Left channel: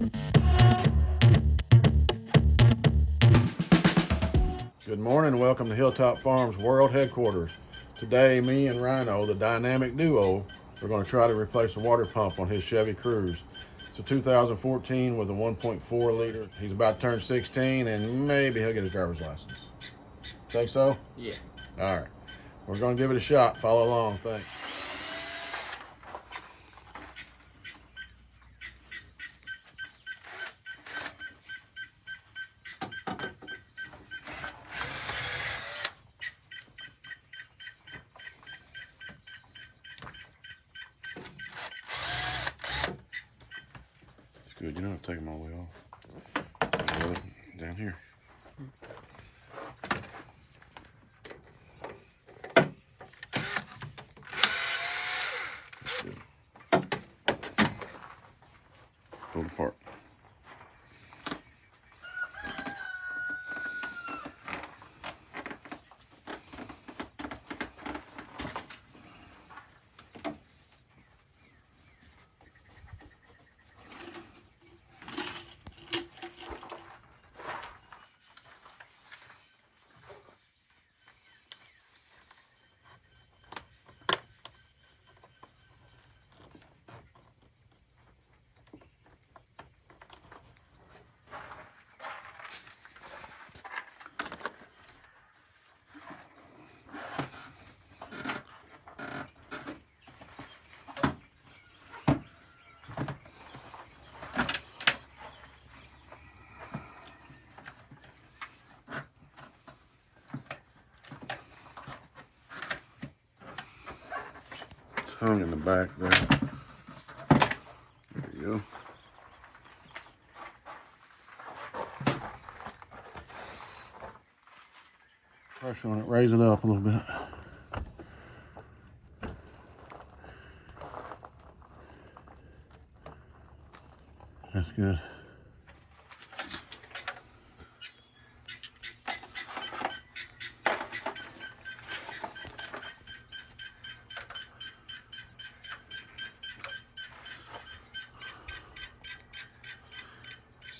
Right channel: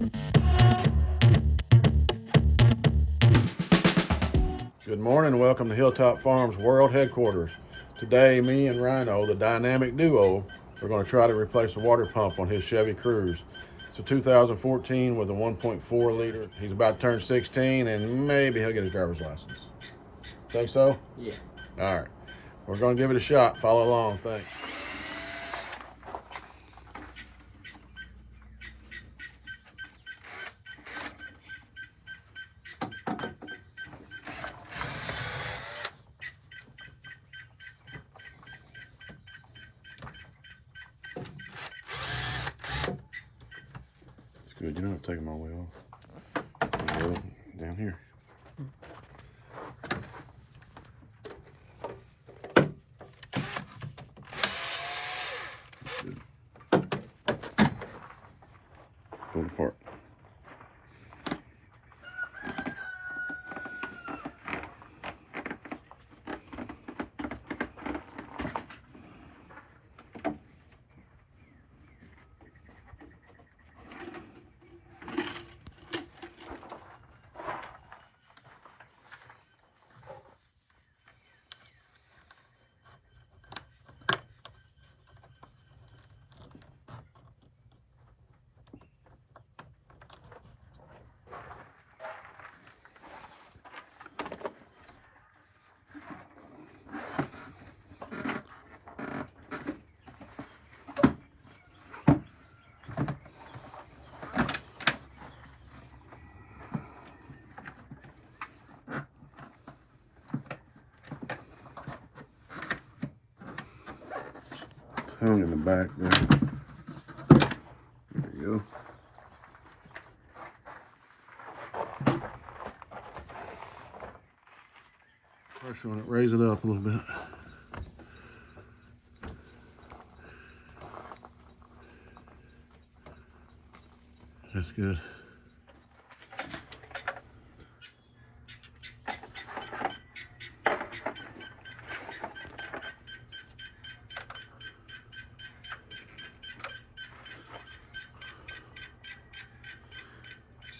Good morning and welcome to Hilltop Farms World Headquarters. Today, me and Rhino, the dynamic duo, are going to try to replace the water pump on his Chevy Cruze. It's a 2014 with a 1.4 liter. He's about to turn 16 and maybe he'll get his driver's license. Think so? Yeah. All right. We're going to give it a shot. Follow along. Thanks. It's good. You don't have to take them all the way off. Down here. Pull it apart. Hung in the back there. There you go. Pressure on it, raise it up a little bit. That's good.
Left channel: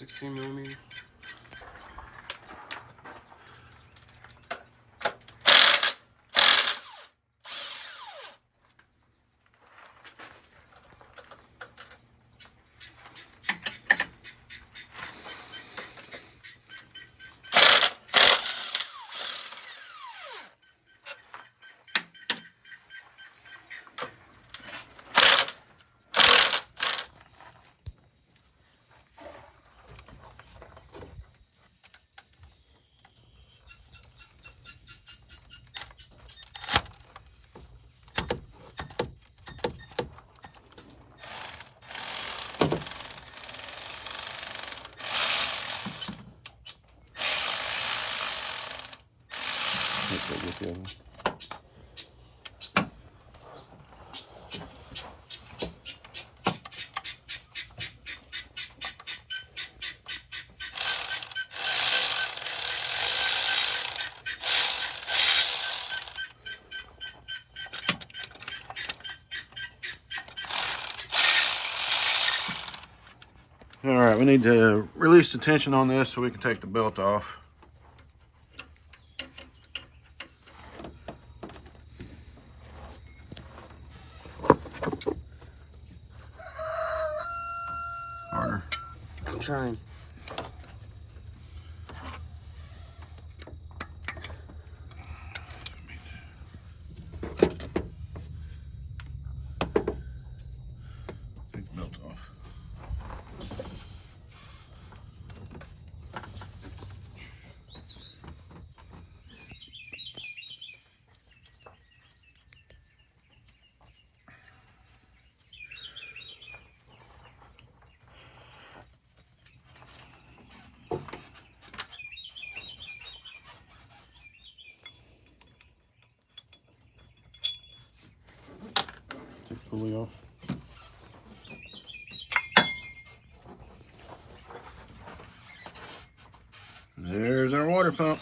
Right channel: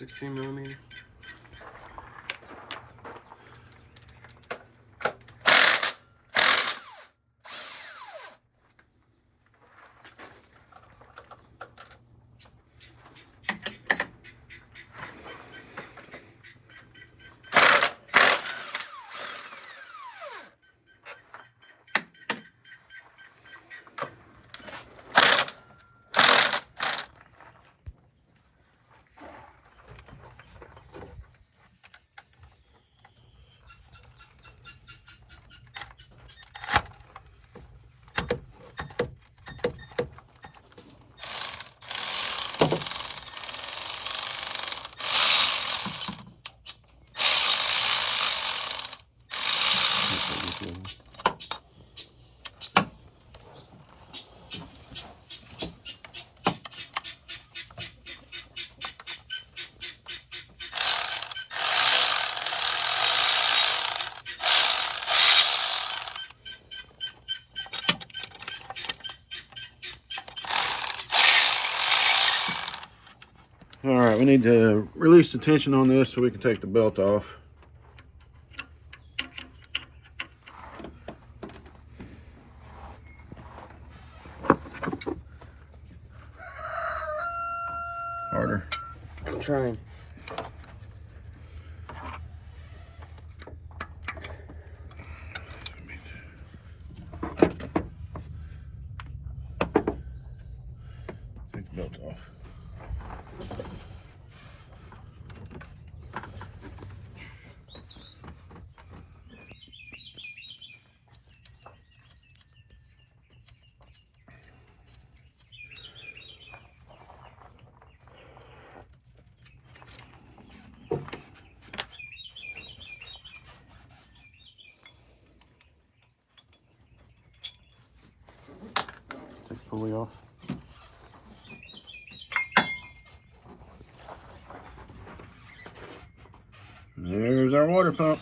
$16mm. All right, we need to release the tension on this so we can take the belt off. Harder. I'm trying. Take the belt off. Take the pulley off. There's our water pump.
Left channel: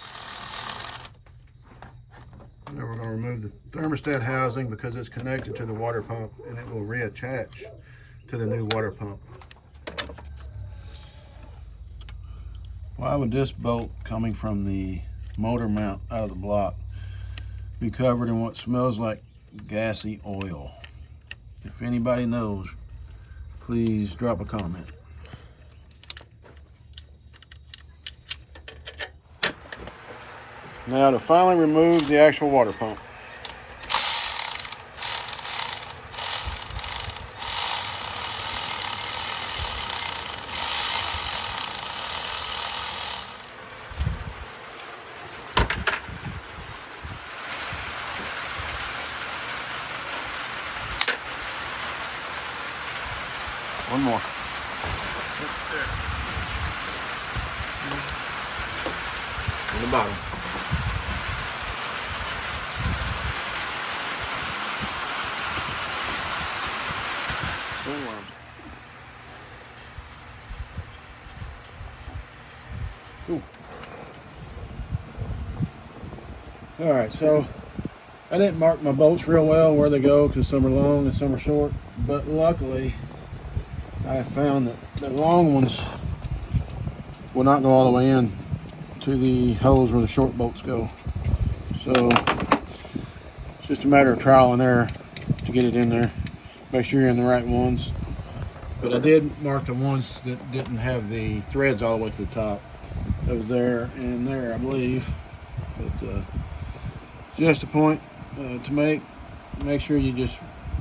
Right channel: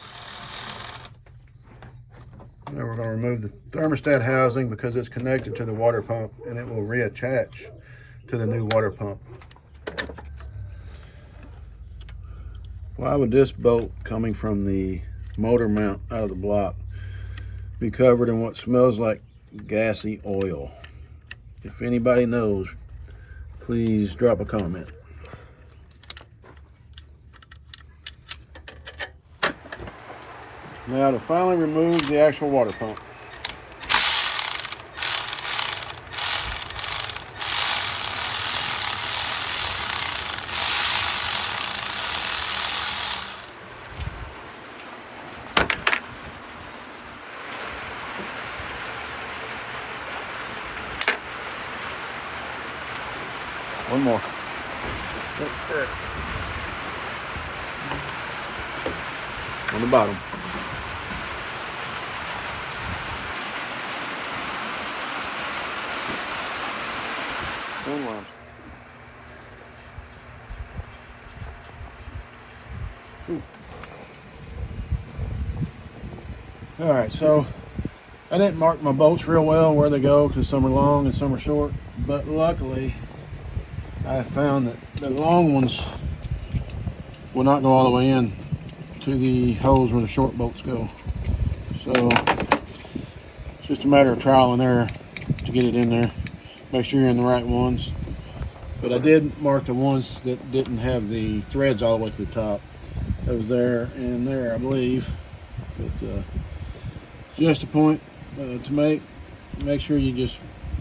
Now we're going to remove the thermostat housing because it's connected to the water pump and it will reattach to the new water pump. Why would this bolt coming from the motor mount out of the block be covered in what smells like gassy oil? If anybody knows, please drop a comment. Now to finally remove the actual water pump. One more. There. On the bottom. One lamp. Ooh. All right, so I didn't mark my bolts real well where they go because some are long and some are short, but luckily I found that the long ones will not go all the way in to the holes where the short bolts go. So it's just a matter of trial and error to get it in there. Make sure you're in the right ones. But I did mark the ones that didn't have the threads all the way to the top. That was there and there, I believe. But just a point to make sure you just,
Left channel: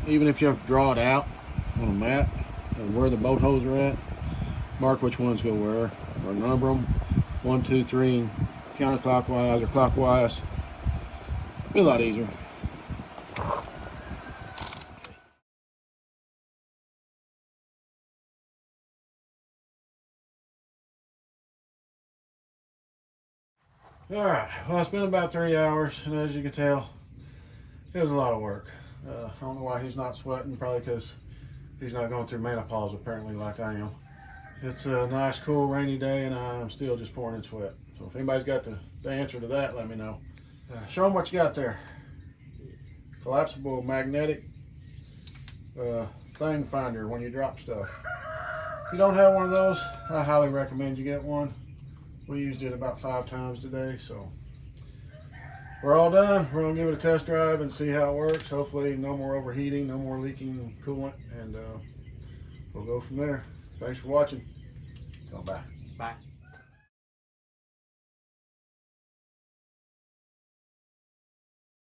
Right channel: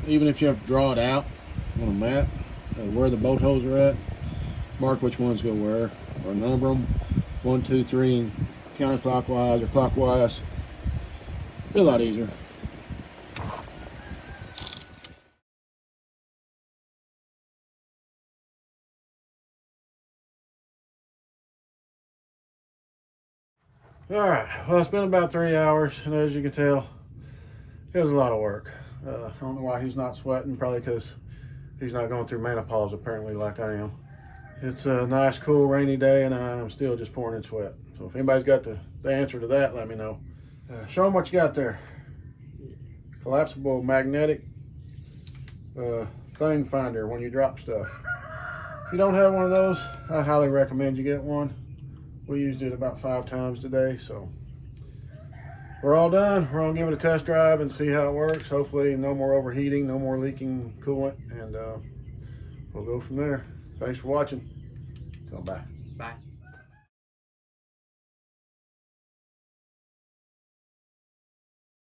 even if you have to draw it out on a map, where the bolt holes are at, mark which ones go where, or number them, 1, 2, 3, and counterclockwise or clockwise. Be a lot easier. All right, well, it's been about 3 hours, and as you can tell, it was a lot of work. I don't know why he's not sweating, probably because he's not going through menopause apparently like I am. It's a nice, cool, rainy day, and I'm still just pouring in sweat. So if anybody's got the answer to that, let me know. Show them what you got there. Collapsible magnetic thing finder when you drop stuff. If you don't have one of those, I highly recommend you get one. We used it about 5 times today, so we're all done. We're gonna give it a test drive and see how it works. Hopefully no more overheating, no more leaking coolant, and we'll go from there. Thanks for watching. So bye. Bye.